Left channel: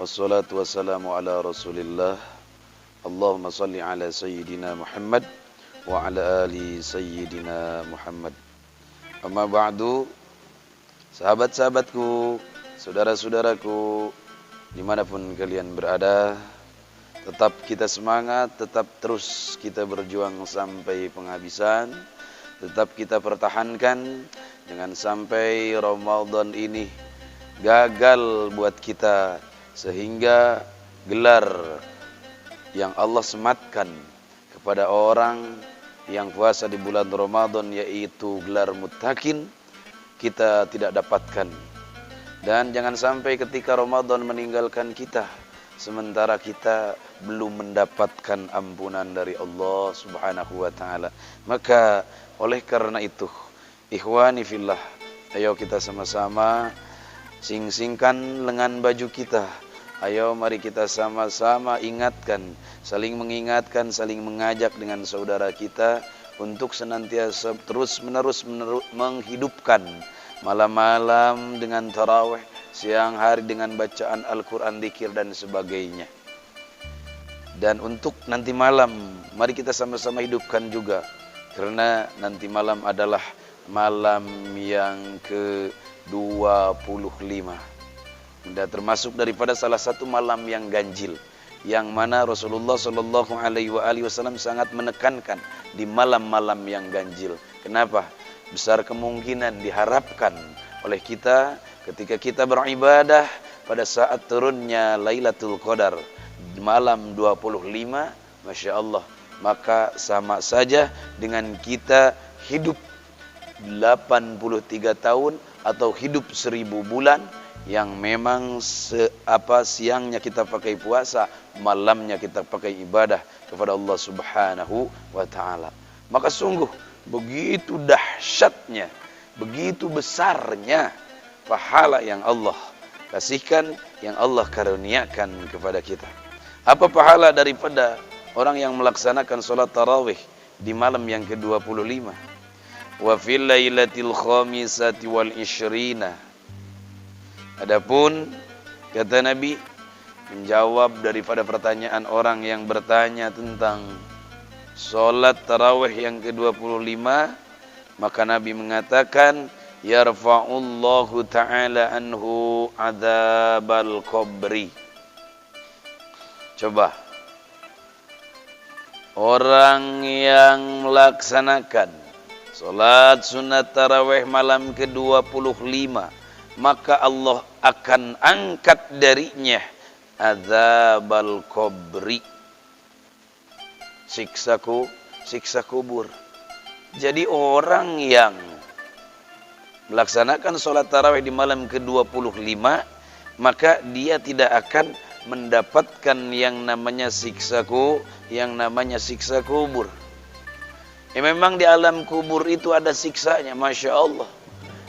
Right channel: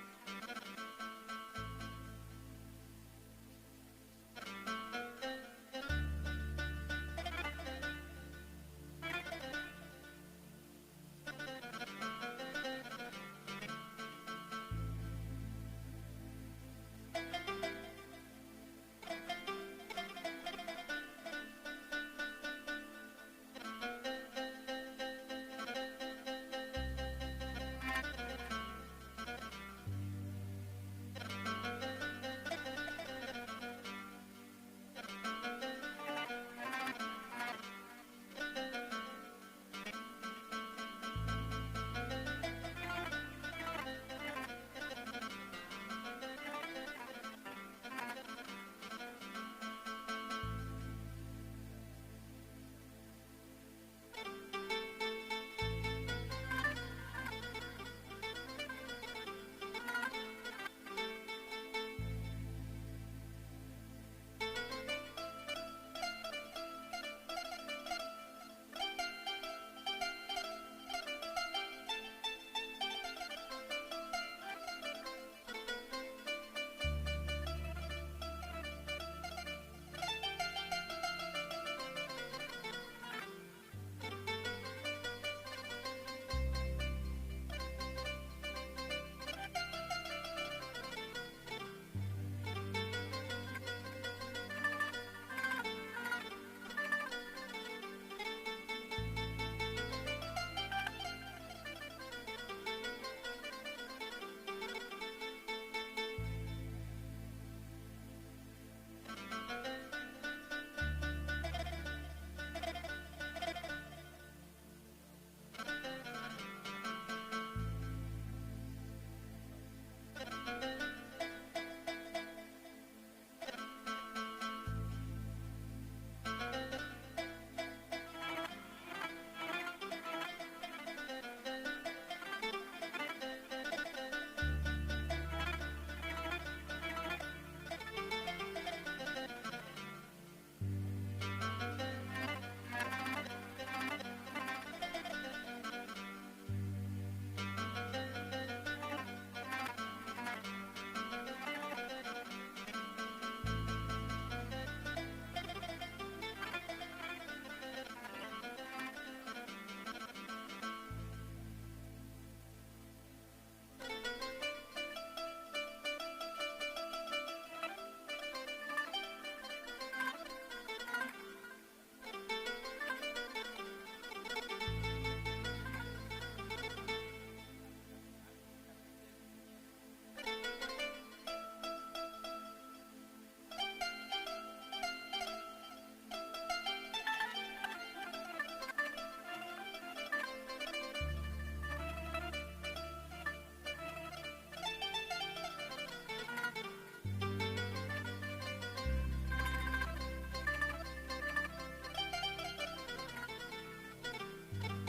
Wassalatu wassalamu ala Rasulillah. Allahumma salli ala Sayyidina Muhammad wa ala ali Sayyidina Muhammad. Amma ba'du. Sahabat-sahabatku, saudara-saudaraku, dimanapun kalian berada, tetap kita semangat, tetap terus kita berjuang sampai penghabisan, tetap kita pertahankan, jangan sampai Ramadan ini gagal buat kita, sehingga gelar yang Allah sematkan kepada orang yang puasa di bulan Ramadan, yaitu gelar muttaqin, kita tidak dapatkan. Dan jangan sampai ketika Ramadan meninggalkan kita, sementara kita belum mendapatkan ampunan dari Allah Subhanahu wa ta'ala. Maka oleh karena itu, ikhwani fillah, ayo kita sama-sama sing-singkan lengan baju kita. Ayo mari kita sama-sama ingatkan, saling mengingatkan, saling mengajak dengan saudara kita untuk senantiasa terus-menerus menghidupkan malam-malam dengan tarawih, siang hari dengan bacaan Al-Quran, dzikir dan sebagainya. Dan untuk nanti malam, mari kita sama-sama hidupkan juga, karena nanti malam adalah malam yang ke-25. Dan termasuk daripada salah satu malam yang ganjil, yang mana Rasulullah Shallallahu Alaihi Wasallam sangat menekankan di malam-malam yang ganjil. Kenapa? Besar kemungkinan diharapkan oleh kita ketika kita beribadah pada saat turunnya Lailatul Qadar malam 25, Masya Allah, maka sama saja dengan kita hidup 83 tahun atau hidup 1000 bulan, yang memang siangnya kita pakai puasa, malamnya kita pakai ibadah kepada Allah Subhanahu wa ta'ala. Maka sungguh begitu dahsyatnya, begitu besarnya pahala yang Allah kasihkan, yang Allah karuniakan kepada kita. Apa pahala daripada orang yang melaksanakan sholat tarawih di malam yang ke-25? Wa fil lailatil khamisati wal isyrina. Adapun kata Nabi, menjawab daripada pertanyaan orang yang bertanya tentang sholat tarawih yang ke-25, maka Nabi mengatakan, yarfa'ullahu ta'ala anhu adzabal qabri. Coba, orang yang melaksanakan sholat sunat tarawih malam ke-25, maka Allah akan angkat darinya adzabal qabri, siksa kubur. Jadi orang yang melaksanakan sholat tarawih di malam ke-25, maka dia tidak akan mendapatkan yang namanya siksa kubur. Ya, memang di alam kubur itu ada siksanya, Masya Allah.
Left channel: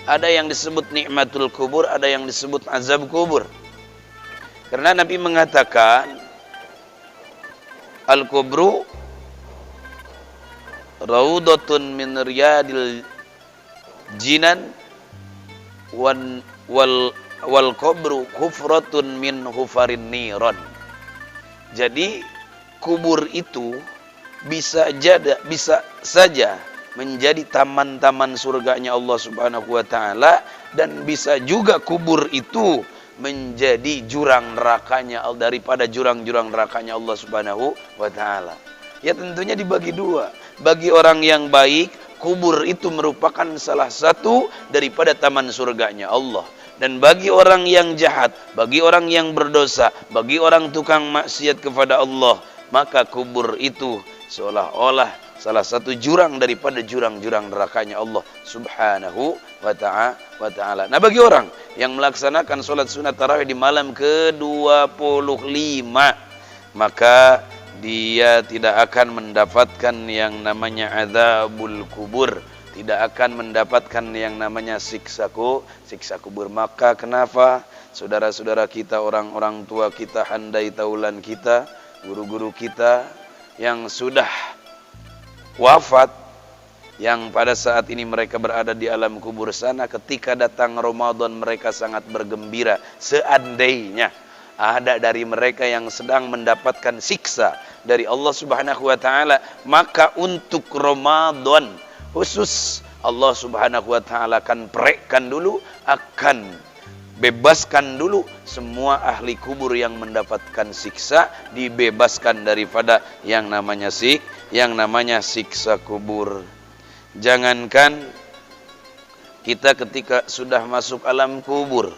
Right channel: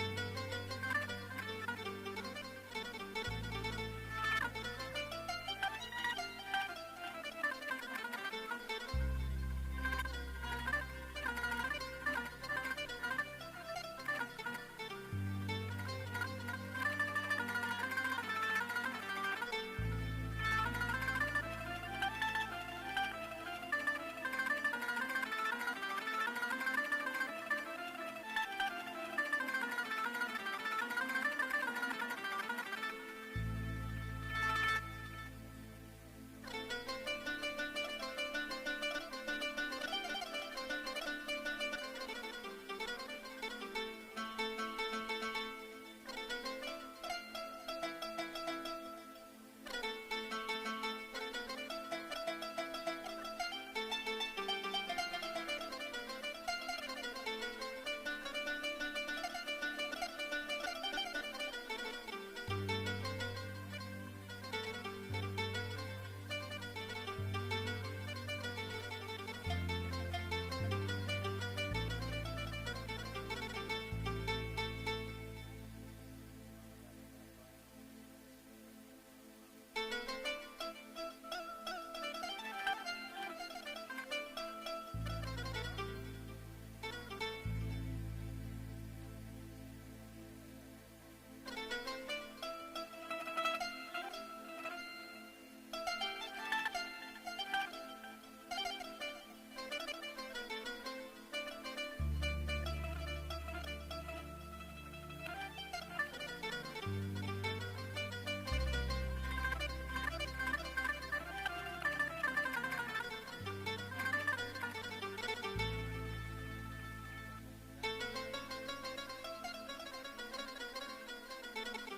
Ada yang disebut nikmatul kubur, ada yang disebut azab kubur. Karena Nabi mengatakan, al-kubru raudatun min riyadil jinan wal kubru kufratun min hufarin niran. Jadi kubur itu bisa saja menjadi taman-taman surganya Allah Subhanahu wa ta'ala, dan bisa juga kubur itu menjadi jurang nerakanya, daripada jurang-jurang nerakanya Allah Subhanahu wa ta'ala. Ya tentunya dibagi dua. Bagi orang yang baik, kubur itu merupakan salah satu daripada taman surganya Allah. Dan bagi orang yang jahat, bagi orang yang berdosa, bagi orang tukang maksiat kepada Allah, maka kubur itu seolah-olah salah satu jurang daripada jurang-jurang nerakanya Allah Subhanahu wa ta'ala. Nah, bagi orang yang melaksanakan sholat sunat tarawih di malam ke-25, maka dia tidak akan mendapatkan yang namanya adzabul kubur, tidak akan mendapatkan yang namanya siksa kubur. Maka kenapa saudara-saudara kita, orang-orang tua kita, handai taulan kita, guru-guru kita yang sudah wafat, yang pada saat ini mereka berada di alam kubur sana, ketika datang Ramadan mereka sangat bergembira, seandainya ada dari mereka yang sedang mendapatkan siksa dari Allah Subhanahu wa taala, maka untuk Ramadan khusus Allah Subhanahu wa taala akan perekkan dulu, akan bebaskan dulu semua ahli kubur yang mendapatkan siksa, dibebaskan daripada yang namanya siksa kubur. Jangankan kita ketika sudah masuk alam kubur,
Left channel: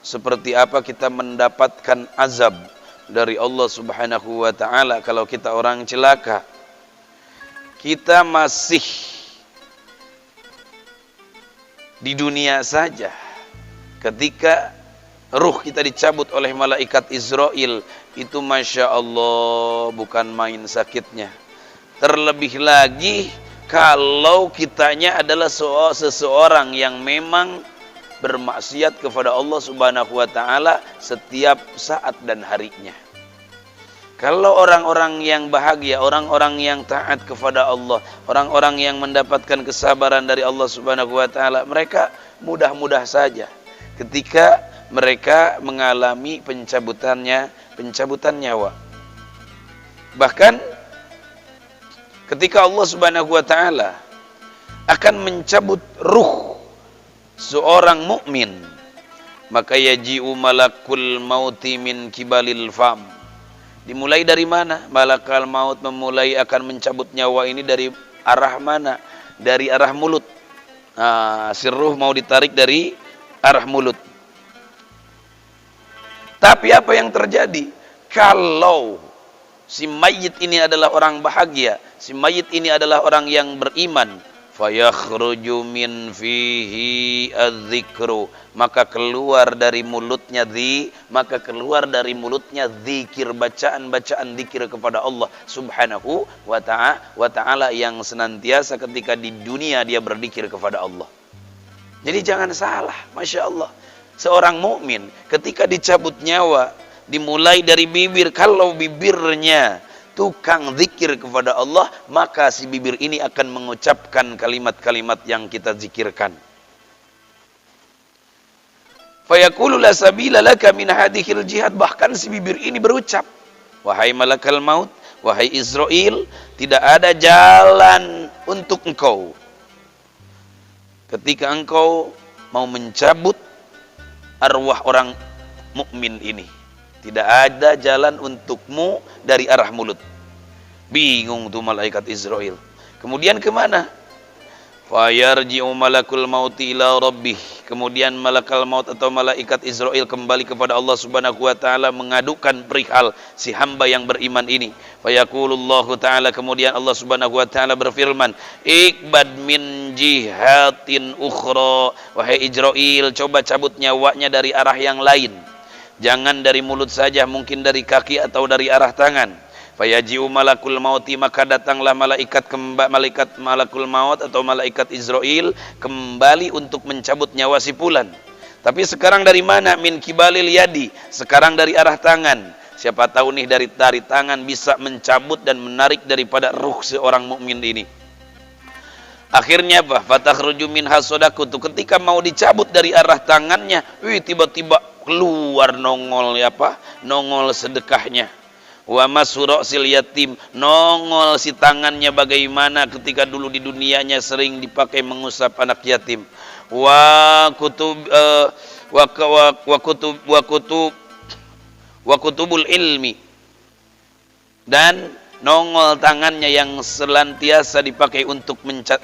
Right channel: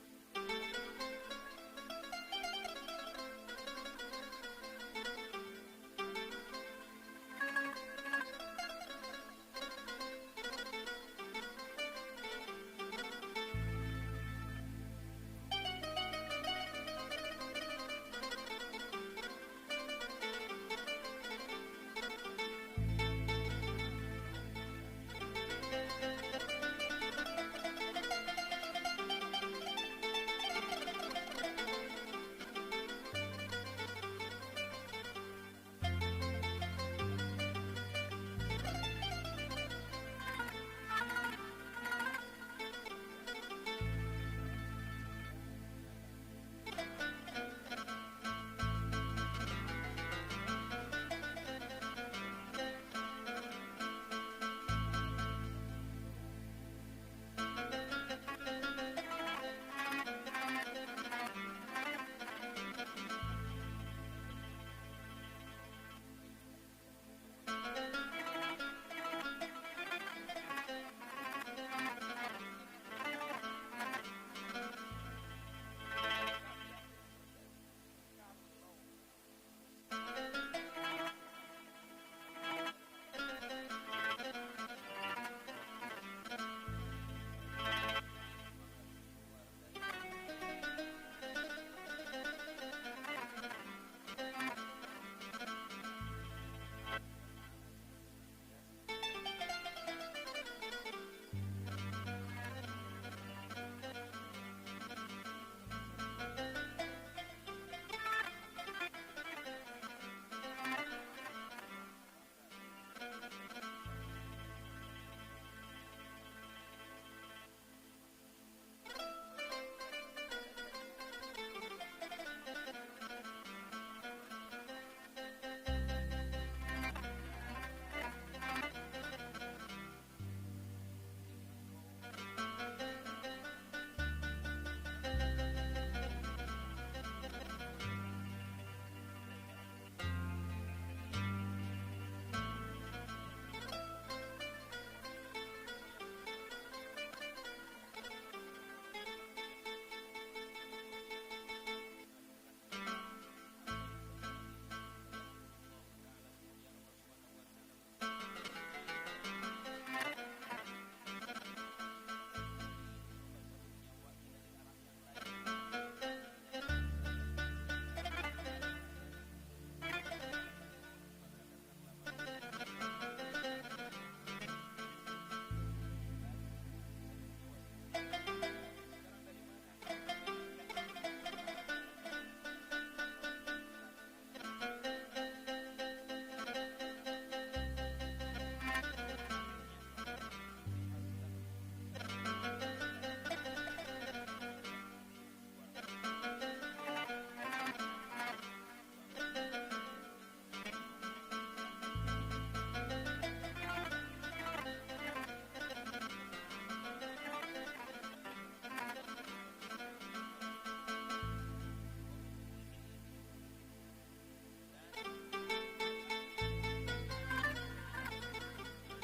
seperti apa kita mendapatkan azab dari Allah Subhanahu wa taala kalau kita orang celaka. Kita masih di dunia saja, ketika ruh kita dicabut oleh malaikat Israel, itu Masya Allah bukan main sakitnya. Terlebih lagi kalau kitanya adalah seseorang yang memang bermaksiat kepada Allah Subhanahu wa taala setiap saat dan harinya. Kalau orang-orang yang bahagia, orang-orang yang taat kepada Allah, orang-orang yang mendapatkan kesabaran dari Allah Subhanahu wa taala, mereka mudah-mudah saja ketika mereka mengalami pencabutan nyawa. Bahkan ketika Allah Subhanahu wa taala akan mencabut ruh seorang mukmin, maka yaji'u malakul mauti min kibalil fam. Dimulai dari mana? Malakal maut memulai akan mencabut nyawa ini dari arah mana? Dari arah mulut. Si ruh mau ditarik dari arah mulut. Tapi apa yang terjadi? Kalau si mayit ini adalah orang bahagia, si mayit ini adalah orang yang beriman, fayakhruju min fihi adzikru, maka keluar dari mulutnya zikir, bacaan-bacaan zikir kepada Allah Subhanahu wa taala yang senantiasa ketika di dunia dia berzikir kepada Allah. Jadi jangan salah, Masya Allah, seorang mukmin ketika dicabut nyawa dimulai dari bibir. Kalau bibirnya tukang zikir kepada Allah, maka si bibir ini akan mengucapkan kalimat-kalimat yang kita zikirkan. Fayaqulu la sabila laka min hadhil jihad, bahkan si bibir ini berucap, wahai malakal maut, wahai Israel, tidak ada jalan untuk engkau ketika engkau mau mencabut arwah orang mukmin ini. Tidak ada jalan untukmu dari arah mulut. Bingung tuh malaikat Israel. Kemudian kemana? Fayarji'u malakul mauti ila rabbih. Kemudian malakal maut atau malaikat Israel kembali kepada Allah Subhanahu wa taala mengadukan perihal si hamba yang beriman ini. Fayaqulullahu taala, kemudian Allah Subhanahu wa taala berfirman, "Ikbad min jihatin ukhra." Wahai Israel, coba cabut nyawanya dari arah yang lain. Jangan dari mulut saja, mungkin dari kaki atau dari arah tangan. Fayaji'u malakul mauti, maka datanglah malaikat malakul maut atau malaikat Israel kembali untuk mencabut nyawa si fulan. Tapi sekarang dari mana? Min kibalil yadi, sekarang dari arah tangan. Siapa tahu nih dari tangan bisa mencabut dan menarik daripada ruh seorang mukmin ini. Akhirnya apa? Fatakhruju minha shadaqatu, ketika mau dicabut dari arah tangannya, tiba-tiba keluar nongol sedekahnya. Wa masurasil yatim, nongol si tangannya bagaimana ketika dulu di dunianya sering dipakai mengusap anak yatim. Wa kutubul ilmi, dan nongol tangannya yang senantiasa dipakai untuk mencatat.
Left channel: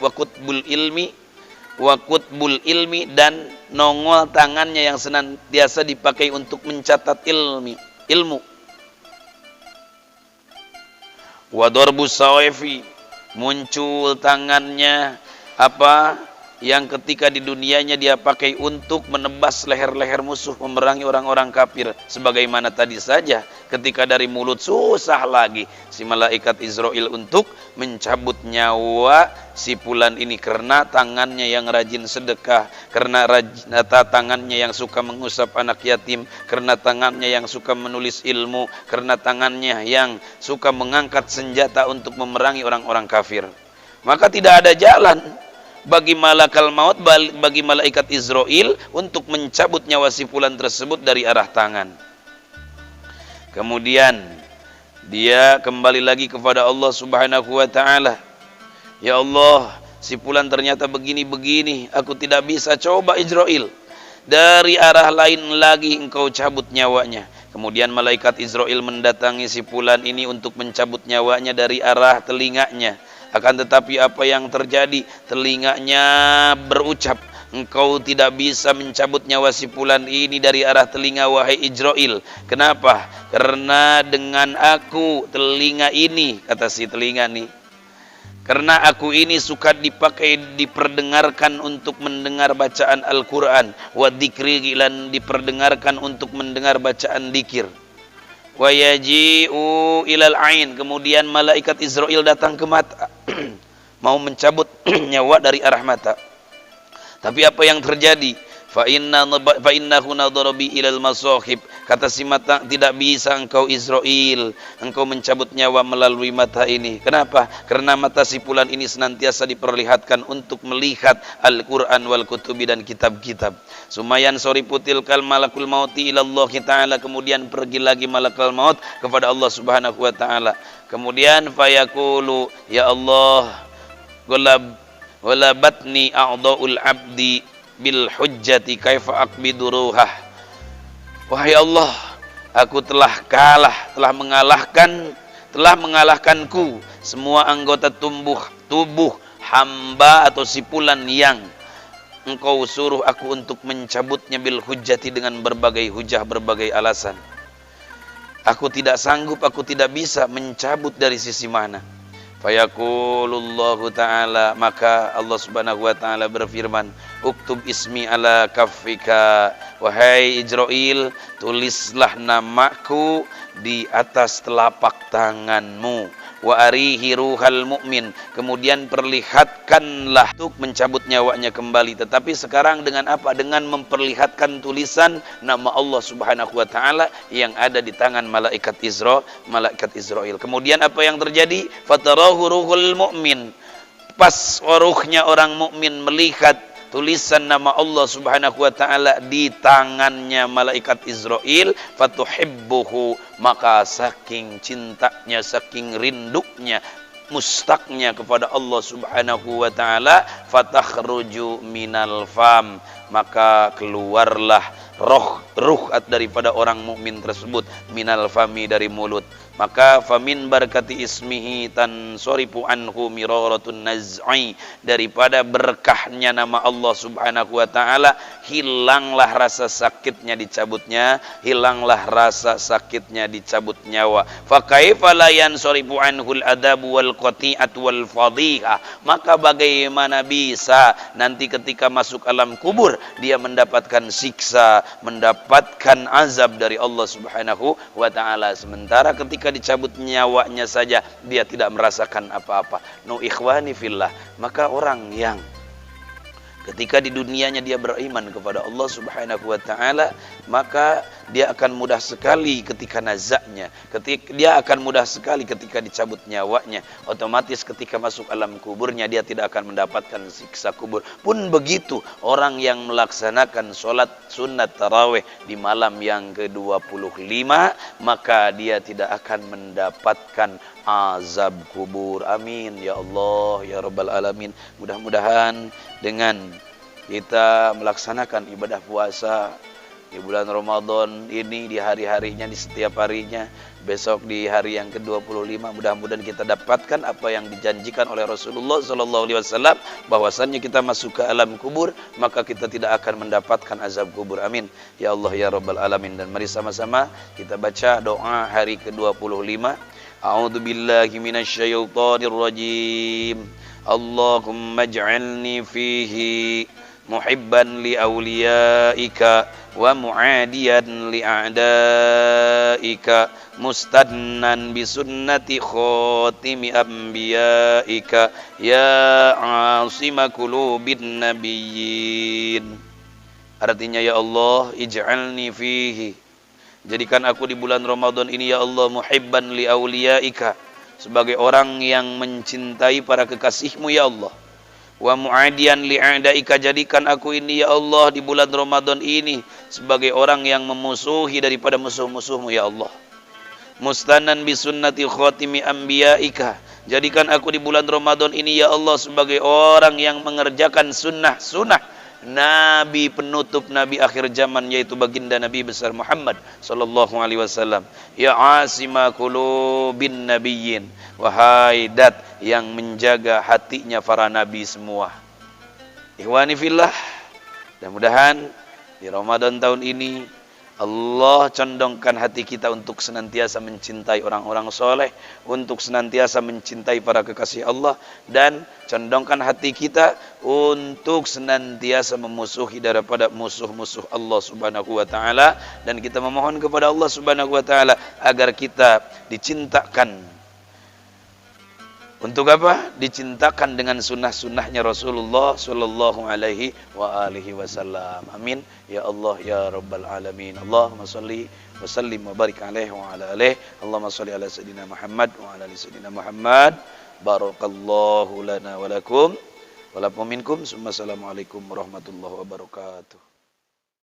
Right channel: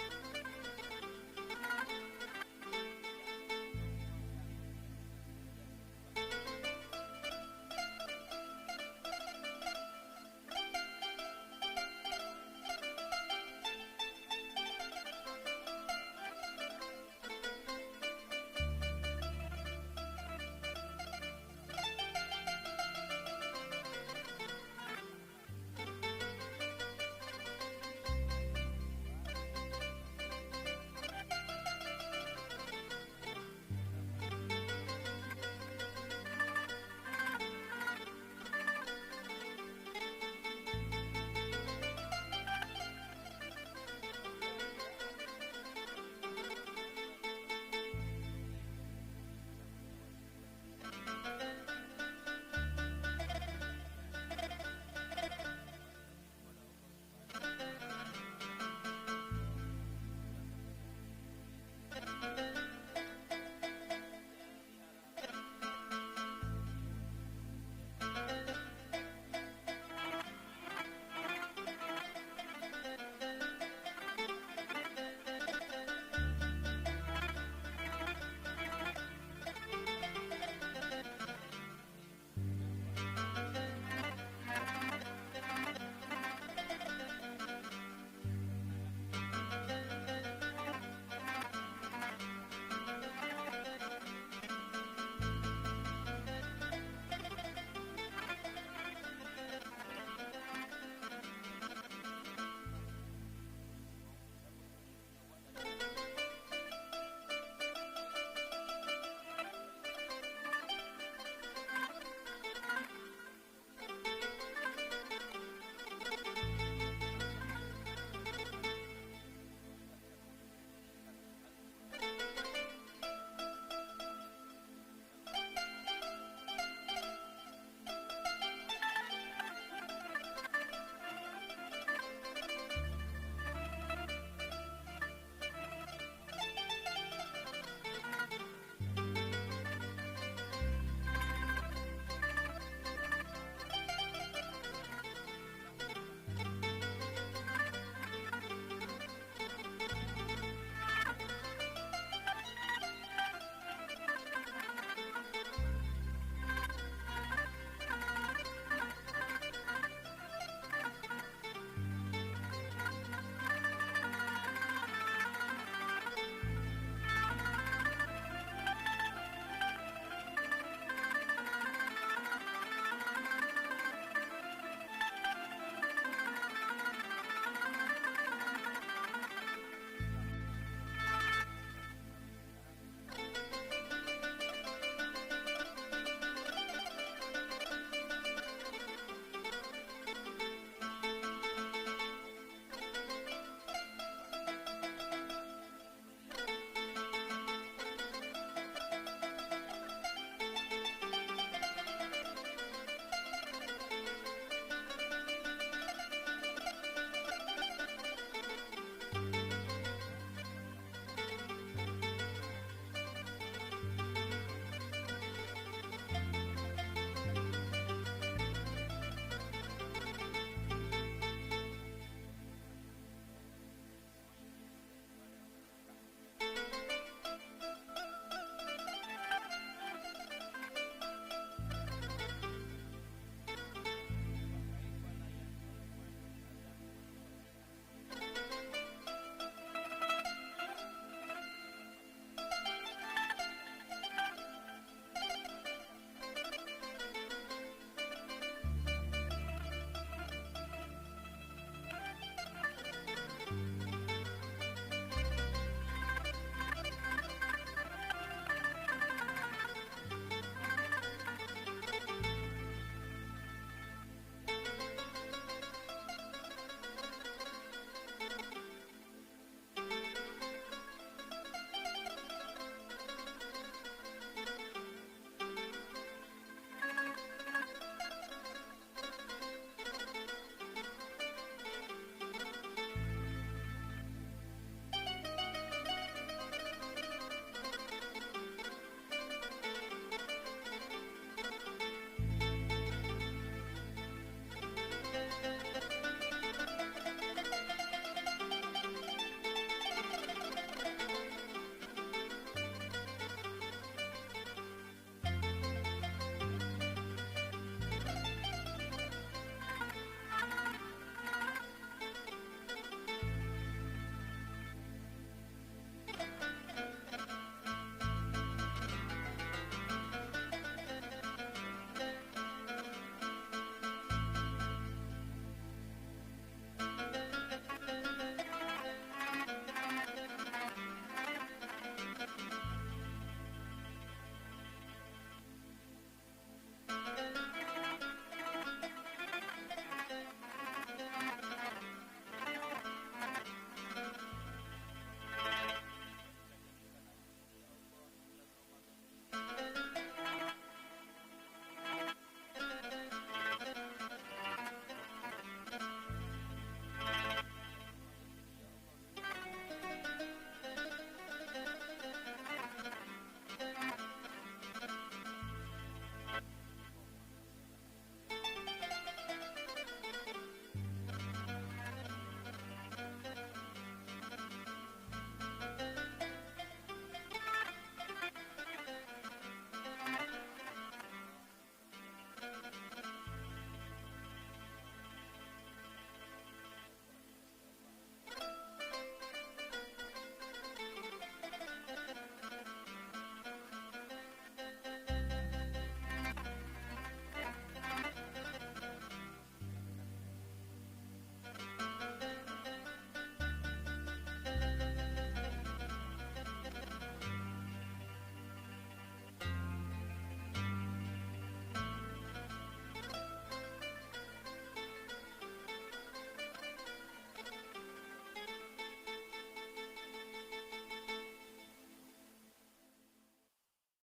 Wa kutbul ilmi, dan nongol tangannya yang senantiasa dipakai untuk mencatat ilmu. Wadarbus sawifi, muncul tangannya yang ketika di dunianya dia pakai untuk menebas leher-leher musuh, memerangi orang-orang kafir. Sebagaimana tadi saja, ketika dari mulut susah lagi si malaikat Israel untuk mencabut nyawa si fulan ini, karena tangannya yang rajin sedekah, karena tangannya yang suka mengusap anak yatim, karena tangannya yang suka menulis ilmu, karena tangannya yang suka mengangkat senjata untuk memerangi orang-orang kafir. Maka tidak ada jalan bagi malakal maut, bagi malaikat Israel untuk mencabut nyawa si fulan tersebut dari arah tangan. Kemudian dia kembali lagi kepada Allah Subhanahu wa taala. Ya Allah, si fulan ternyata begini-begini, aku tidak bisa. Coba Israil, dari arah lain lagi engkau cabut nyawanya. Kemudian malaikat Israil mendatangi si fulan ini untuk mencabut nyawanya dari arah telinganya. Akan tetapi apa yang terjadi? Telinganya berucap, engkau tidak bisa mencabut nyawa si fulan ini dari arah telinga, wahai Israil. Kenapa? Karena dengan aku telinga ini, kata si telinga nih, karena aku ini suka diperdengarkan untuk mendengar bacaan Al-Quran. Wa dzikri, lan diperdengarkan untuk mendengar bacaan dzikir. Wa yaji'u ilal ain, kemudian malaikat Israil datang ke mata mau mencabut nyawa dari arah mata. Tapi apa yang terjadi? Fa innahu nadhara bi ilal masahib, kata si mata, tidak bisa engkau Israil, engkau mencabut nyawa melalui mata ini. Kenapa? Karena mata si fulan ini senantiasa diperlihatkan untuk melihat Al-Quran wal kutubi, dan kitab-kitab. Sumayan soriputil kal malakul mauti ilallah ta'ala, kemudian pergi lagi malakul maut kepada Allah Subhanahu wa ta'ala. Kemudian fayaqulu, ya Allah, golabatni a'dha'ul abdi bil hujjati kaifa aqbidu ruhah. Wahai Allah, aku telah mengalahkanku semua anggota tubuh hamba atau si fulan yang engkau suruh aku untuk mencabutnya bil hujjati, dengan berbagai hujah, berbagai alasan. Aku tidak sanggup, aku tidak bisa mencabut dari sisi mana. Fayaqulullahu ta'ala, maka Allah Subhanahu wa ta'ala berfirman, uktub ismi ala kaffika, wahai Israil, tulislah namaku di atas telapak tanganmu. Wa arihi ruhal mu'min, kemudian perlihatkanlah untuk mencabut nyawanya kembali. Tetapi sekarang dengan apa? Dengan memperlihatkan tulisan nama Allah Subhanahu wa ta'ala yang ada di tangan malaikat Israil. Kemudian apa yang terjadi? Fatarahu ruhul mu'min, pas ruhnya orang mukmin melihat tulisan nama Allah Subhanahu wa ta'ala di tangannya malaikat Israil, fatuhibbuhu, maka saking cintanya, saking rindunya, mustaknya kepada Allah Subhanahu wa ta'ala, fatakhruju minal fam, maka keluarlah ruh daripada orang mukmin tersebut, minal fami, dari mulut. Maka famin barakati ismihi tansorifu anhu miraratun naz'i, daripada berkahnya nama Allah Subhanahu wa ta'ala hilanglah rasa sakitnya dicabutnya, hilanglah rasa sakitnya dicabut nyawa. Fa kaifa la yansorifu anhul adabu wal qati'at wal fadhiha, maka bagaimana bisa nanti ketika masuk alam kubur dia mendapatkan siksa, mendapatkan azab dari Allah Subhanahu wa ta'ala, sementara ketika dicabut nyawanya saja dia tidak merasakan apa-apa. No ikhwani fillah, maka orang yang ketika di dunianya dia beriman kepada Allah Subhanahu wa ta'ala, maka dia akan mudah sekali ketika nazaknya, dia akan mudah sekali ketika dicabut nyawanya. Otomatis ketika masuk alam kuburnya dia tidak akan mendapatkan siksa kubur. Pun begitu orang yang melaksanakan sholat sunat tarawih di malam yang ke-25, maka dia tidak akan mendapatkan azab kubur. Amin ya Allah ya Rabbal Alamin. Mudah-mudahan dengan kita melaksanakan ibadah puasa di bulan Ramadan ini, di hari-harinya, di setiap harinya, besok di hari yang ke-25, mudah-mudahan kita dapatkan apa yang dijanjikan oleh Rasulullah SAW, bahwasannya kita masuk ke alam kubur maka kita tidak akan mendapatkan azab kubur. Amin ya Allah ya Rabbal Alamin. Dan mari sama-sama kita baca doa hari ke-25. A'udzu billahi minasyaitonir rajim. Allahumma ij'alni fihi muhibban li awliyaika wa mu'adiyan li a'daika mustadnan bi sunnati khatimi anbiyaika ya asima qulubin nabiyyin. Artinya, ya Allah, ij'alni fihi, jadikan aku di bulan Ramadan ini ya Allah, muhibban li awliyaika, sebagai orang yang mencintai para kekasihmu ya Allah. Wa mu'adiyan li a'daika, jadikan aku ini ya Allah di bulan Ramadan ini sebagai orang yang memusuhi daripada musuh-musuhmu ya Allah. mustanan bi sunnati khatimi anbiyaika. Jadikan aku di bulan Ramadan ini ya Allah sebagai orang yang mengerjakan sunnah-sunnah Nabi penutup Nabi akhir zaman, yaitu baginda Nabi besar Muhammad sallallahu alaihi wasallam. Ya asima qulubin nabiyyin, wahai dat yang menjaga hatinya para nabi semua. Ikhwani fillah, mudah-mudahan di Ramadan tahun ini Allah condongkan hati kita untuk senantiasa mencintai orang-orang soleh, untuk senantiasa mencintai para kekasih Allah, dan condongkan hati kita untuk senantiasa memusuhi daripada musuh-musuh Allah Subhanahu wa taala, dan kita memohon kepada Allah Subhanahu wa taala agar kita dicintakan. Untuk apa? Dicintakan dengan sunnah-sunnahnya Rasulullah sallallahu alaihi wa alihi wasallam. Amin. Ya Allah ya Rabbal alamin. Allahumma salli wa sallim wa barik alaihi wa ala alihi. Allahumma salli ala sayyidina Muhammad wa ala ali sayyidina Muhammad. Barakallahu lana wa lakum wa lakum minkum. Assalamualaikum warahmatullahi wabarakatuh.